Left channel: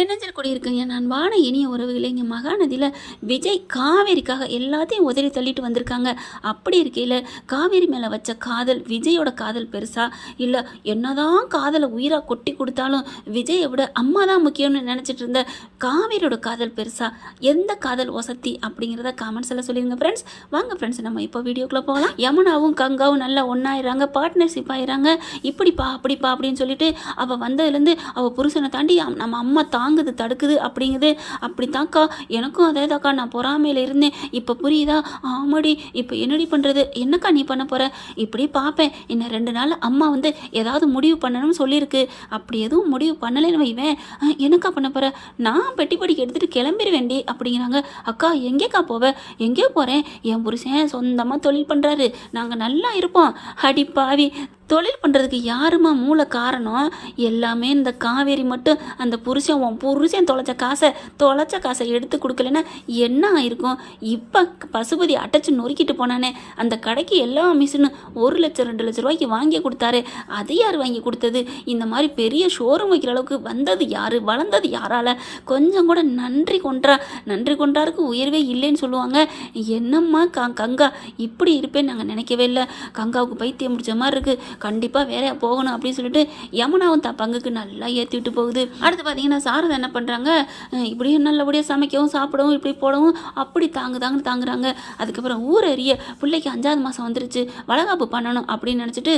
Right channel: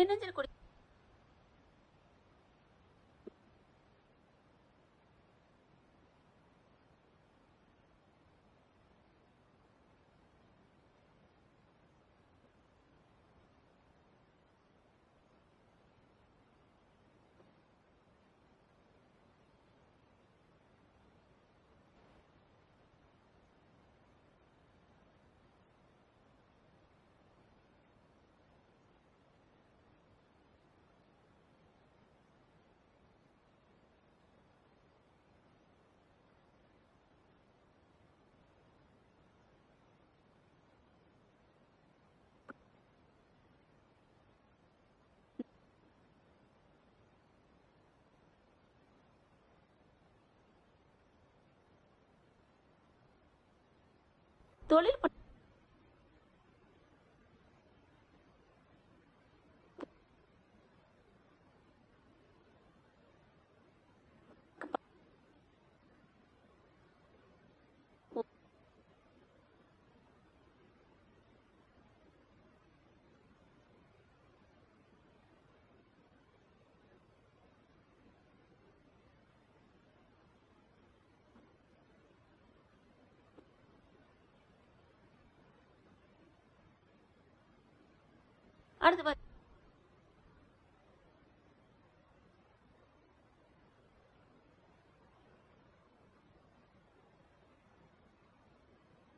எண்ணத்தில் கூடியிருக்குங்க நான் வான இனிய உறவுகளே. இங்கே மகாநதியில் விஜய் காவேரிக்காக எல்லாத்தையும் உதறி தள்ளிட்டு வந்திருக்காங்க. அப்படி இருக்கையில் காவேரி மேலே வச்ச காதல், விஜயோட காதல் பெருசா இல்லை என்னதான் காதலை உயிராக கொட்டி கொடுத்தாலும் விஜயை விட அம்மா தான் முக்கியம்னு நினச்சிட்டு இருந்த காவேரியோட காதல் பெருசா, எந்த காதல் வசதி அப்படிங்கிறத காமெண்ட்ஸில் சொல்லிடுங்க ஃப்ரெண்ட்ஸ். வாங்க ஃப்ரெண்ட்ஸ், நம்ம இப்போ வீடியோக்குள்ளே போகலாம். யமுனாவும் கங்காவும் நல்லா ஒன்றாயிடுறாங்க, பார்ட்னர்ஷிப் ஆயிடுறாங்க. இப்படிப்பா அப்படிப்பா அப்படின்னு சொல்லிட்டு அவள் வந்ததுலேருந்து அவள் புருஷனை தாண்டி நம்ம அம்மா தாங்குது தடுக்குது அப்படிங்குது. அப்படித்தாக்கா எனக்கும் அதே தாக்கா, நான் பொறாமையில் இருந்தேன், இப்போ புரியுதா? ஆமாடி, இப்போ என்னடி பண்ணுறது, என்னக்கா நீ பண்ண போகிற? இப்படி பார்ப்பேன், இன்னும் 2 நாள் அம்மா வந்து ஏதாவது முடிவு பண்ணணும்னு சொல்லியிருக்கு. அப்படி எதுவும் முடிவு பண்ணலைன்னு வைவேன், என்னக்கா பண்ண போகிற? நான் பெட்டி படிக்க எடுத்துகிட்டு கிளம்பிடுவேண்டி அப்படிங்கிறாங்க. அக்கா எங்கேக்கா போவேன்? எங்கேயோ போகிறேன், என் புருஷன் சொந்தமாக தொழில் பண்ணுறாரு, நாங்கள் நல்லா இருப்போம். அடி பாவி, தொழில் பண்ணுறதுக்கு யாருமா மூல காரணம்? எல்லாமே இந்த காவேரி மட்டும். அந்த உன் புருஷன் தொலைச்ச காசை எடுத்து கொடுக்கலன்னா என்ன ஆயிருக்கும்? இப்போ பசுபதி அடைச்சி நொறுக்கிட்டு போனானே, அந்த கடைக்கு எல்லா மிஷினும் 1 லட்சம் 2 லட்ச ரூபாய்க்கு வாங்கி கொடுத்தாரு. அது யார் வாங்கி கொடுத்தது? இந்த மாதிரி பெரிய ஷோரூம் வைக்கிற அளவுக்கு வந்தது யார்? வளர்ந்தது யாரால? கொஞ்சம் கூட நன்றி கொண்டாருக்கு உயர்வே இல்லைன்னு சொல்லுவாங்க. என்னம்மா கங்கா இப்படி இருப்பேன்னு நாங்கள் நினைக்கவே இல்லை. கங்காவுக்கு பைத்தியம் முடிச்ச மாதிரி இருக்குது, கண்டிப்பாக வேற போகணும் அப்படின்னு சொல்லிட்டு யமுனாவும் தான் பங்குக்கு நல்லா ஏற்றி விட்டு போகுது. அடுத்து பார்த்தீங்கன்னா சாரதா என்ன பண்ணுறாங்க, இப்படியும் நல்லபடியாக சமைக்கவும் சாப்பிடவும் இப்படி போடவும் அப்படி தாங்குறாங்க. அதுக்கப்புறம் ஊரறிய பிள்ளைக்கு 5ஆவது மாதம் வந்துருச்சு, வளகாப்பு பண்ணணும் அப்படின்னு நினச்சிட்டு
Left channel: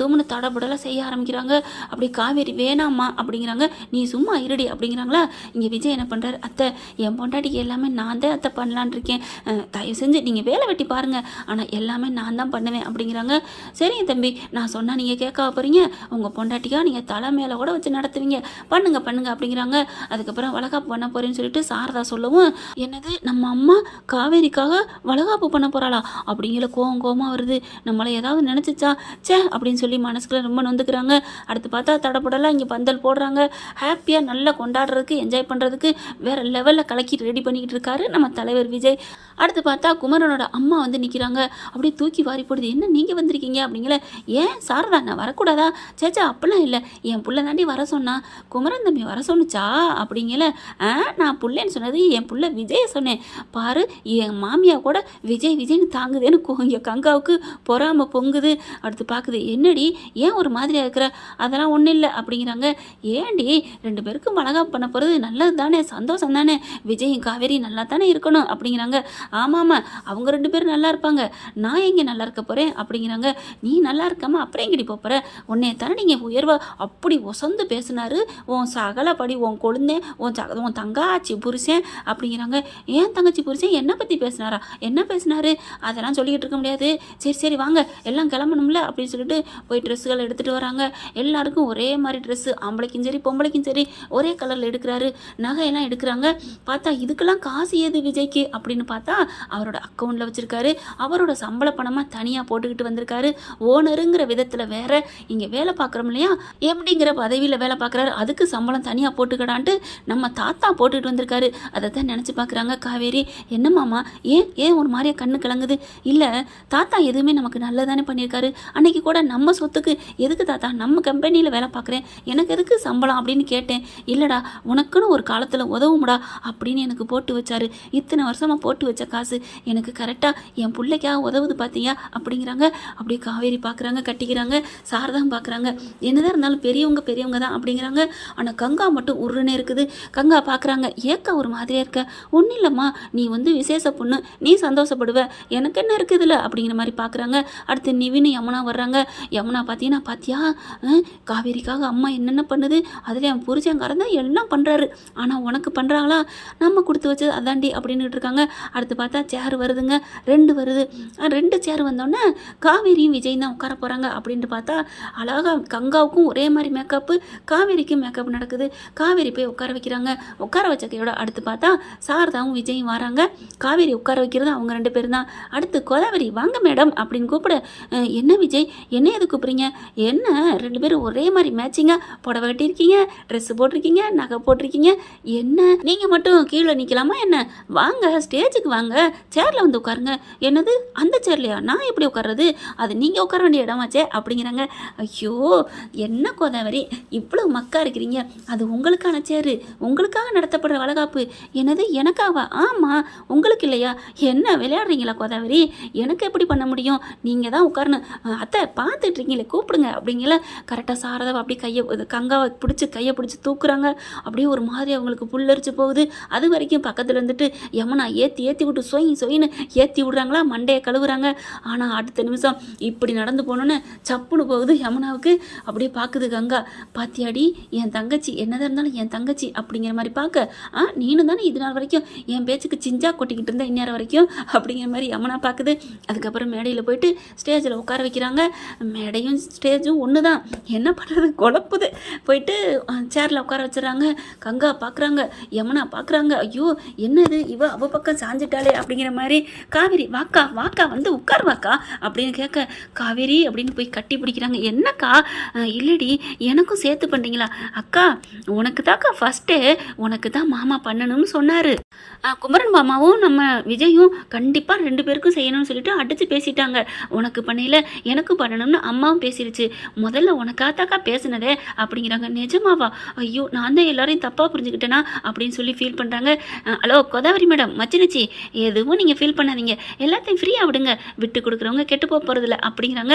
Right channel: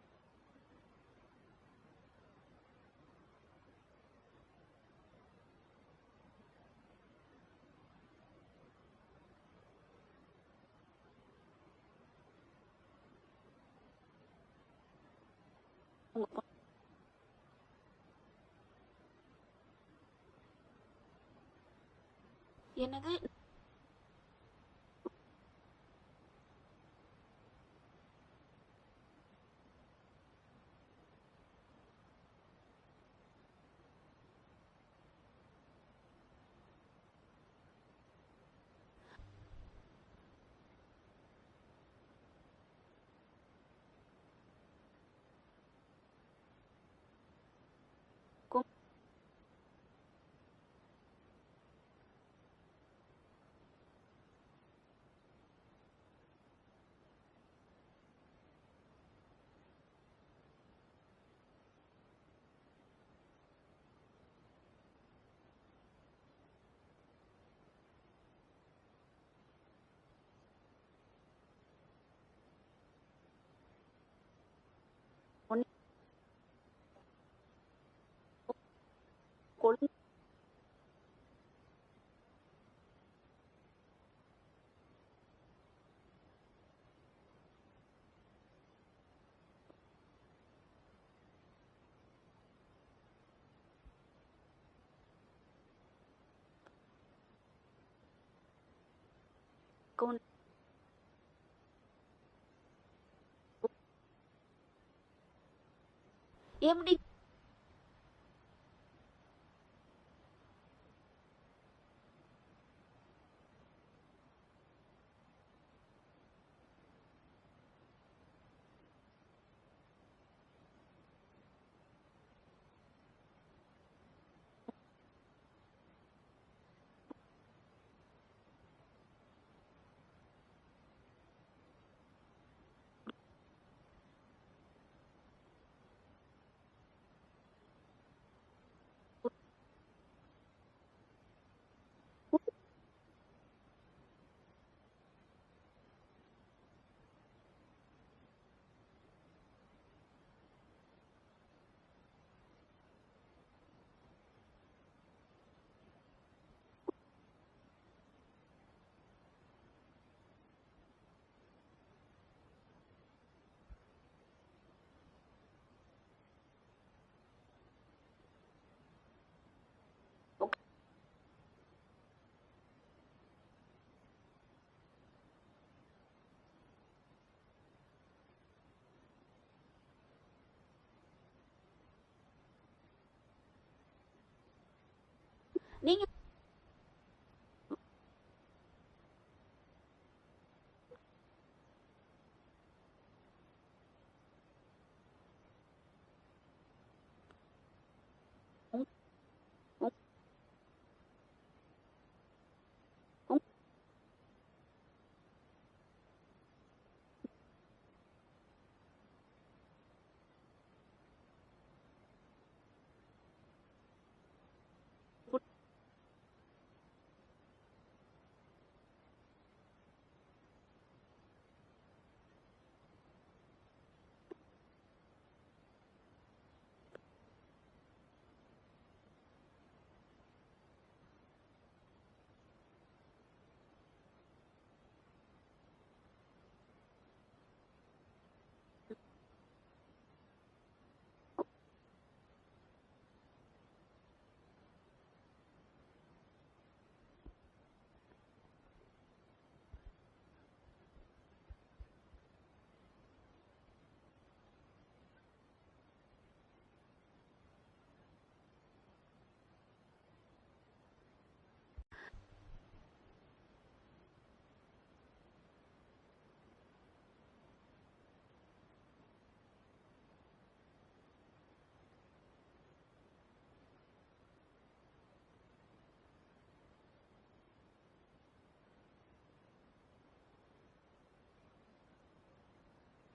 தூம்னு தடபுடலாம் செய்ய ஆரம்பிக்கிறாங்க. அப்படி காவேரி வேணாம்மா அப்படிங்கிறாங்க. நீ சும்மா இருடி அப்படிங்கிறாங்களா. இங்கே விஜய் என்ன பண்ணுறாரு, அத்தை என் பொண்டாட்டிக்கு எல்லாமே நான் தான் அத்தை பண்ணலான் இருக்கேன், தயவு செஞ்சு நீங்கள் வேலை வெட்டி பாருங்கள், ஆனால் எல்லாமே நான் தான் பண்ணுவேன் அப்படிங்கிறாங்க. சரிங்க தம்பி, நான் சொன்னால் நீங்கள் கேட்க போகிறீங்க, உங்கள் பொண்டாட்டிக்காக நீங்கள் தலை மேலே கூட வச்சு நடத்துவீங்க, பண்ணுங்க அப்படிங்கிறாங்க. அதுக்கப்புறம் வளகாப்பு பண்ண போகிறேன்னு சொல்லிட்டு சாரதா சொல்லவும், என்னது நம்ம அம்மா காவேரிக்காக வளகாப்பு பண்ண போகிறாளா அப்படிங்கிற கோவமாக வருது. நம்மளை ஏதாவது நினச்சிச்சா சே அப்படின்னு சொல்லி மனசுக்குள்ள ரொம்ப நொந்துக்கிறாங்க. அடுத்து பார்த்தா தடப்படலாம் இங்கே பந்தல் போடுறாங்க. ஹாப்பியாக நல்லா கொண்டாடுறதுக்கு என்ஜாய் பண்ணுறதுக்கு வேறு லெவலில் கலக்கி ரெடி பண்ணிக்கிட்டு இருக்காரு நம்ம தலைவர் விஜய். அடுத்து பார்த்தா குமரனோட அம்மா வந்து நிற்கிறாங்க. அப்படியே தூக்கி வாரி போடுது, என்ன நீங்கள் வந்திருக்கீங்க அப்படிங்கிற. ஏன் சாரதா நான் வரக்கூடாதா? சேச்சா அப்படிலாம் இல்லை, என் புள்ள தாண்டி வர சொன்னா, குமரன் தம்பி வர சொன்னுச்சா அப்படிங்கல. நான் புள்ளேன்னு சொன்னது என் புள்ள விஜயை சொன்னேன். பாரு என் மாமியா கூட விஜய்னு தாங்குதேன்னு இங்கே கங்காவுக்கு பொறாம பொங்குது. அடுத்து பார்க்குது, என்னடி ஏன் ஒரு மாதிரியாக இருக்கிற? அதெல்லாம் ஒன்றும் இல்லை அப்படிங்கிறாங்க. ஏண்டி 2 பேருக்கும் வளகாப்பு பண்ண போகிறது நல்லது தானே, சந்தோஷம் தானே, விஜயும் காவேரி நல்லா தானே இருக்கணும் அப்படிங்கிறாங்க. ஆமாம் அவங்க 2 பேரும் நல்லா இருப்பாங்க, நான் எங்கே நல்லா இருக்க போகிறேன் அப்படிங்கிறாங்க. நீ நல்லா இருக்காம அப்புறம் எங்கடி போகிற? உன்னைய தானே நீங்கள் உயர்வா அப்படி ஒசந்து பேசினாரு உன் சகலப்படி, உன் கொழுந்தே, உன் தங்காச்சி புருஷன் அப்படிங்கிறாங்க. ஏன் தங்கச்சி புருஷன் என்னை பற்றி பேசினாரா? என்ன பேசினாரு? அதெல்லாம் சொல்லிக்கிட்டு இருக்க முடியாது. சரி வாங்க எல்லாம் கிளம்பணும்ல அப்படின்னு சொல்லிட்டு போய் ட்ரெஸ்ஸுகள் எடுத்துகிட்டு வராங்க. எல்லாருக்கும் ஒரே மாதிரி ட்ரெஸ்ஸு, ஆம்பளைக்கும் சரி பொம்பளைக்கும் சரி ஒரே கலரில் எடுக்கிறாரு. நகையெல்லாம் எடுக்கிறாங்க. பார்த்தா இதுக்கெல்லாம் காசு ஏது விஜய்க்கு அப்படின்னு பார்த்தா அவரோட அக்கௌண்ட்டில் வச்சுருக்காரு. அவரோட சம்பள பணமாக தனியாக போட்டுக்கிட்டு வந்திருக்காரு. ஓனருங்கிற விதத்தில் வேற, இங்கே வேலை பார்க்குறோம் இல்லையா, எப்படிங்கிற பதவியில் வேலை பார்க்குறாரு, அதுக்கு சம்பளம் தனியாக போட்டுக்கடான்ட்டு நம்ம தாத்தா போட்டுக்கிட்டு வந்திருக்காரு. அதை தான் நினச்சி பார்க்குறாங்க காவேரி. என்னம்மாமா ஏன் ஒரு மாதிரியா கண்ணு கலங்குது? இல்லை தாத்தா எதுவுமே நமக்கு நல்லதானே பண்ணியிருக்காரு. அன்னைக்கு கூட நம்ம சொத்துக்கு எதுக்கு தாத்தா நம்ம கம்பெனியில் வேலை பார்க்குறேன், எனக்கு எதுக்கு சம்பளம் அப்படின்னு கேட்டேன். இல்லைடா உனக்குன்னு ஒரு காலத்தில் உதவும்டா அப்படின்னு எனக்கு போட்டு வச்சாரு. இத்தனை வருஷமாக போட்டு வச்ச காசு எனக்கு கரெக்டாக என் பிள்ளைக்காக உதவுது பார்த்தியா அப்படிங்கிறாங்க. அப்படியே காவேரி பார்க்குறாங்க, கட்டிக்கிறாங்க. சாரதான் பார்க்குறாங்க. என்னதான் இருந்தாலும் பெரியவங்க தான் அப்படிங்கிறாங்க. ஆனால் கங்கா மட்டும் உருன்னே இருக்குது. கங்கா பார்க்குறாங்க, ஏக்கா ஒரு மாதிரியாக இருக்க? ஒன்றும் இல்லைம்மா, நீ வந்து விசேஷ பொண்ணு, நீ சந்தோஷப்படுவ, எனக்கு என்ன இருக்குதுல்ல அப்படிங்கிற மாதிரி பார்க்குறாங்க. அடுத்து நிவின் யமுனா வர்றாங்க. யமுனா பார்த்தீங்கன்னா பாத்தியா காவேரிக்காக அம்மா என்னென்ன பண்ணுது, அதில் என் புருஷங்காரன் தான் எல்லாம் பண்ணுறாரு, ஆனால் உனக்கு பண்ணுறாங்களா? நம்ம கொடுத்து வச்சது அதாண்டி அப்படின்னுட்டு இருக்காங்க. அடுத்து பார்த்தா சேர் வருதுங்க, 2 வருது. 2 சேர் வந்தோடனே காவேரியும் விஜய் தான் உட்கார போகிறாங்க. அப்படின்ட்டு பார்த்தா அழகாக கங்காவுக்கும் ஒரே மாதிரி மேக்கப்பு, காவேரிக்கும் மேக்கப் நடக்குது. காவேரி போய் உட்கார வைக்கிறாங்க. உட்கார வச்ச கையோட அடுத்து பார்த்தா சாரதாவும் விஜயும் வராங்க. காவேரி உட்கார வைக்கிறது அவங்க 2 பேரும் தான். அடுத்து கோதாவரி வாங்க மேடம் அப்படின்னு கூப்பிட, என்ன விஜய் என்ன எது கூப்பிட்றீங்க? என்ன 2 பேரும் ஒரே மாதிரி மேட்சிங்காக புடவை கட்டியிருக்கீங்க, ட்ரெஸ்ஸு போட்டிருக்கீங்க, நகை போட்டிருக்கீங்க, என்ன நீங்கள் மட்டும் கீழே நிற்கலாமா என்ன? வாங்க ஸ்டேஜுக்கு வாங்க, சேரில் வந்து உட்காருங்க. என்னது அந்த சேர்லையா? நான் எப்படி உட்கார்றது? அது நீங்கள் உட்கார வேண்டிய இடமாச்சே அப்படிங்கிறாங்க. ஐயோ என்ன கோதாவரி இவ்வளோ மக்கா இருக்கிறீங்க, அது உங்களுக்கு உங்களுக்கான சேரு, உங்களுக்காக நடத்தப்படுற வளகாப்பு. என்னது எனக்காவா? ஆமாம், உங்களுக்கு இல்லையா? என்ன விளையாடுறீங்களா கோதாவரி? எனக்கு எப்படி பண்ண முடியும்? நீங்கள் தான் உட்காரணும். அத்தை பார்த்துட்ருக்கீங்களே கூப்பிடுங்க அப்படிங்கல. கரெக்டாக சாரதாவை அப்படியே கங்காவை பிடிச்சி கையை பிடிச்சி தூக்குறாங்க. அப்படியே ஒரு மாதிரி அவங்களுக்கு புல்லரிச்சு போகுது. அது வரைக்கும் பக்கத்தில் இருந்துட்டு யமுனா ஏற்றி ஏற்றி விட்டு சொயின்னு ஏற்றி விடுறாங்களா, மண்டையை கழுவுறாங்க. ஆனால் அடுத்த நிமிஷம் இப்படி நடந்து போனோன்னு சப்புன்னு போகுது யமுனாவுக்கு. அப்படியே பார்க்குது கங்கா. பாத்தியாடி என் தங்கச்சி, என்னதான் இருந்தாலும் என் தங்கச்சி அப்படிங்கிற மாதிரி பார்க்க, நீனும் தானே இது நாள் வரைக்கும் என் பேச்சுக்கு சிஞ்சா கொட்டிக்கிட்டு இருந்தேன் இந்நேரம் வரைக்கும் அப்படிங்கிற மாதிரி யமுனா பார்க்குது. அதுக்கப்புறம் மேடையில் போயிட்டு ஸ்டேஜில் உட்கார வைக்கிறாங்க. மேடையும் ஸ்டேஜும் ஒன்று தான், என்ன பண்ணுறது குழப்புது. போயிட்டு சேரில் உட்கார வச்சுறாங்க. கங்கா பார்க்குறாங்க, யமுனா பார்க்குறாங்க. ஐயோ என்னது இவ அவ பக்கம் சாஞ்சிட்டாலே அப்படிங்கிற மாதிரி. காவேரி வாக்கா வாக்கா வந்து உட்கார் வாக்கா அப்படின்னு கேட்க, காவேரி அப்படின்னு போய் கட்டி பிடிக்கிறாங்க. என்னக்கா? இல்லடி எனக்கும் சேர்த்து பண்ணுறீங்களா? அக்கா உனக்கு தாக்கா ஃபஸ்ட்டே உனக்கு தான் மாமா பண்ணணும்னு சொன்னார். குமரன் மாமாவும் நம்ம விஜயும் கண்டிப்பாக 2 பேருக்கும் செய்யணும்னு சொல்லிட்டு அடித்து பேசிட்டாங்க. உனக்கு பண்ணையில் எனக்கும் பண்ணணும்னு அம்மாவும் பேசிடுச்சு. முதல்ல உனக்காத்தாக்கா பேசுனதே அப்படிங்கிறாங்க. நிஜமாவா? ஐயோ நான் தான் எல்லாரையும் தப்பாக புரிஞ்சுக்கிட்டேனா அப்படின்னு சொல்லி ஃபீல் பண்ணுறாங்க. ஹலோ கோதாவரி மேடம், மச்சினிச்சி, எதுவும் நீங்கள் ஃபீல் பண்ணாதீங்க, எல்லாத்தையும் ஃப்ரீயாக விடுங்க, விட்டு கொடுக்குறவங்க கெட்டு போகிறதில்ல அப்படிங்கிறாங்க.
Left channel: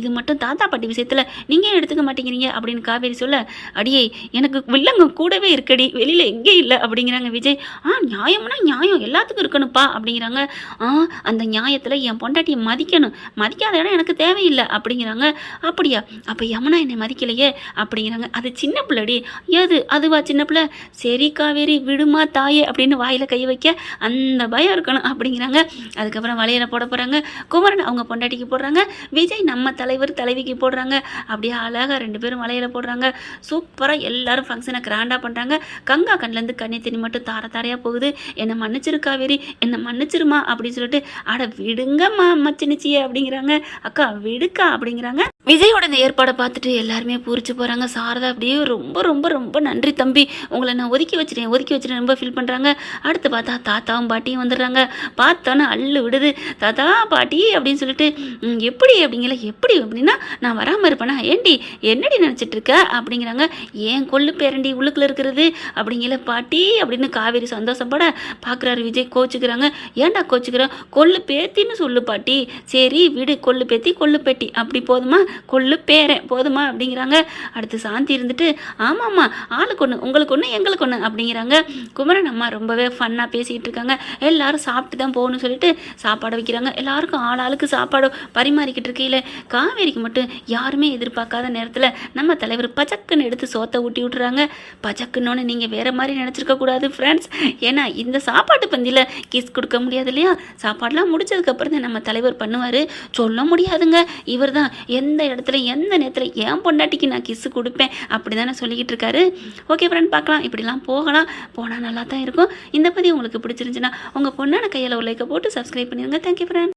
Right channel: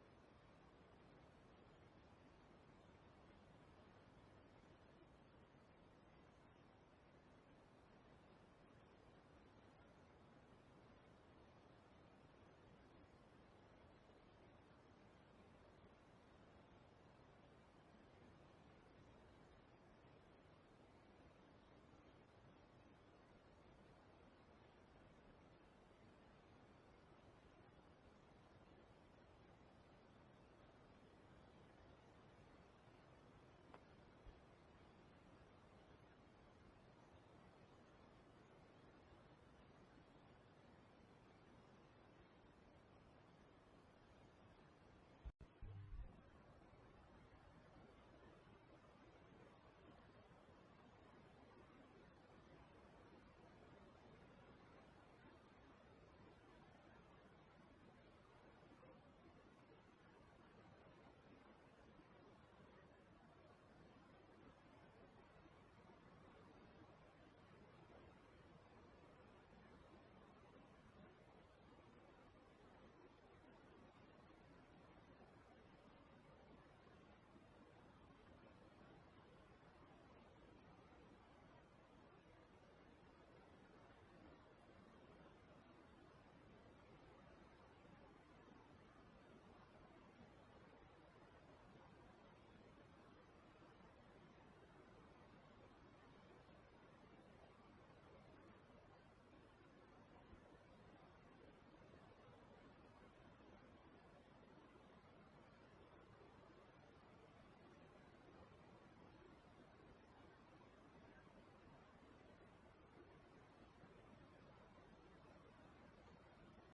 இது மட்டும் தாத்தா பாட்டி விஷயத்தில் நீங்கள் எடுத்துக்க மாட்டேங்கிறீங்க அப்படின்னு காவேரி சொல்ல, அடியே எனக்கு வில்லங்க கூடவே இருக்கடி, வெளியில் எங்கே இல்லை அப்படிங்கிறாங்க விஜய். நியாயம்னா நியாயம் எல்லாத்துக்கும் இருக்கணும்ப்பா அப்படிங்கிறாங்க. அந்த நியாயத்தில் என் பொண்டாட்டியை மதிக்கணும், மதிக்காத இடம் எனக்கு தேவையில்லை அப்படிங்கிறாங்க. அப்படியா? அப்போ யமுனா என்னை மதிக்கலையே அப்படிங்கிறாங்க. அது சின்ன பிள்ளடி. ஏது அதுவா சின்ன பிள்ளை? சரி காவேரி விடுமா தாயே அப்படின்னு வாயில் கை வைக்க அந்த பயம் இருக்கணும் அப்படிங்கிறாங்க. அதுக்கப்புறம் வளையலை போட போகிறாங்க. குமரன் அவங்க பொண்டாட்டிக்கு போடுறாங்க, விஜய் நம்ம தலைவர் தலைவிக்கு போடுறாங்க. அப்படியே அழகாக 2 பேரும் வளையலை போடுறாங்க. சூப்பராக எல்லாரும் ஃபங்க்ஷனை கிராண்டாக பண்ணுறாங்க. கங்கா கண்ணிலேருந்து கண்ணி தண்ணி மட்டும் தாரையாக போகுது. என்னை மன்னிச்சிரு காவேரி, என்னை மன்னிச்சிருமா அப்படின்னு சொல்லிட்டு, அட விடுங்கம்மா மச்சினிச்சியே அப்படிங்கிறாங்க. அக்கா விடுக்கா அப்படிங்கிறாங்க. விஜயோட இந்த ஏற்பாடை பார்த்துட்டு எல்லாருமே பூரிச்சு போகிறாங்க. சாரதா அப்படியே ரொம்ப ரொம்ப ரொம்ப நன்றி தம்பி, உங்களை நான் ஒதுக்கி வச்சுட்டேன் ரொம்ப ஃபீல் பண்ணுறாங்க. அடுத்து பார்த்தா தாத்தாவும் பாட்டியும் வந்துடுறாங்க. பார்த்தோன்னே அள்ளு விடுது. தாத்தா பாட்டி அப்படின்னு சொல்லிட்டு, எப்படி அப்படிங்கிற, எப்படி அப்படின்னா நான் வராமல் இருப்பேனா? ஏண்டி என்னடி நினச்சிட்டு இருக்க அப்படிங்கிறாங்க. ஏன் கொள்ளு பேரண்டி உள்ளுக்குள்ள இருக்கிறது அப்படிங்கிற பாட்டி அப்படின்னு காவேரி சந்தோஷப்பட பார்க்குறாரு விஜய். கோச்சுக்கிறாங்க. ஏன்டா கோச்சுக்கிற? கொள்ளு பேத்தின்னு சொல்லு பாட்டி. சரி விடு, கொள்ளு பேத்தி கொள்ளு பேட்டி அப்படி போதுமா, கொள்ளு பேரன் போதுமா அப்படிங்கிறாங்க. அடுத்து சாந்தி இருந்துட்டு, ஆமாம்மா ஆளுக்கு ஒன்று உங்களுக்கு ஒன்று எங்களுக்கு ஒன்று அப்படிங்கிறாங்க. குமரன் அம்மா ரொம்பவே ஃபன்னாக பேசிக்கிட்டு இருக்காங்க. எல்லாரும் சாப்பிட்டு தான் போகணும்னு சொல்லிட்டு சாப்பாடு வைக்கிறாங்க. எல்லாருக்கும் ஆளுக்கு சாப்பாடு பரிமாறிக்கிட்டு இருக்கையில் காவேரிக்கு மட்டும் யாருமே எதிர்பார்க்காத நேரத்தில் நம்ம தலைவர் பச்சக்குன்னு எடுத்து சோத்தை ஊட்டி விட்டுறாங்க. பச்சக்குன்னு நீங்கள் வேறு மாதிரி நினச்சிருக்க கூடாது ஃப்ரெண்ட்ஸ். ஏன்னா இந்த சாப்பாட்டு பந்தியில் கிஸ் கொடுக்க முடியாது இல்லையா? சாப்பாடெலாம் முடிச்சதுக்கப்புறம் தான் நம்ம தலைவர் பண்ணுவார். சொல்ல முடியாதுங்க, இவர் தான் எந்த இடத்துல எந்த நேரத்தில் என் பொண்டாட்டிக்கு நான் கிஸ்ஸு கொடுப்பேன் அப்படி தானே சொல்லிக்கிட்டு இருக்காரு. ஓகே ஃப்ரெண்ட், பார்க்கலாம், இப்படிலாம் போனால் நல்லா தான் இருக்கும். இந்த பதிவு உங்களுக்கு பிடிச்சிருந்துச்சுன்னா உங்கள் பொண்ணான கையில் ஒரு லைக்கை போட்டு சப்ஸ்கிரைப் பண்ணிடுங்க. Thank you friend.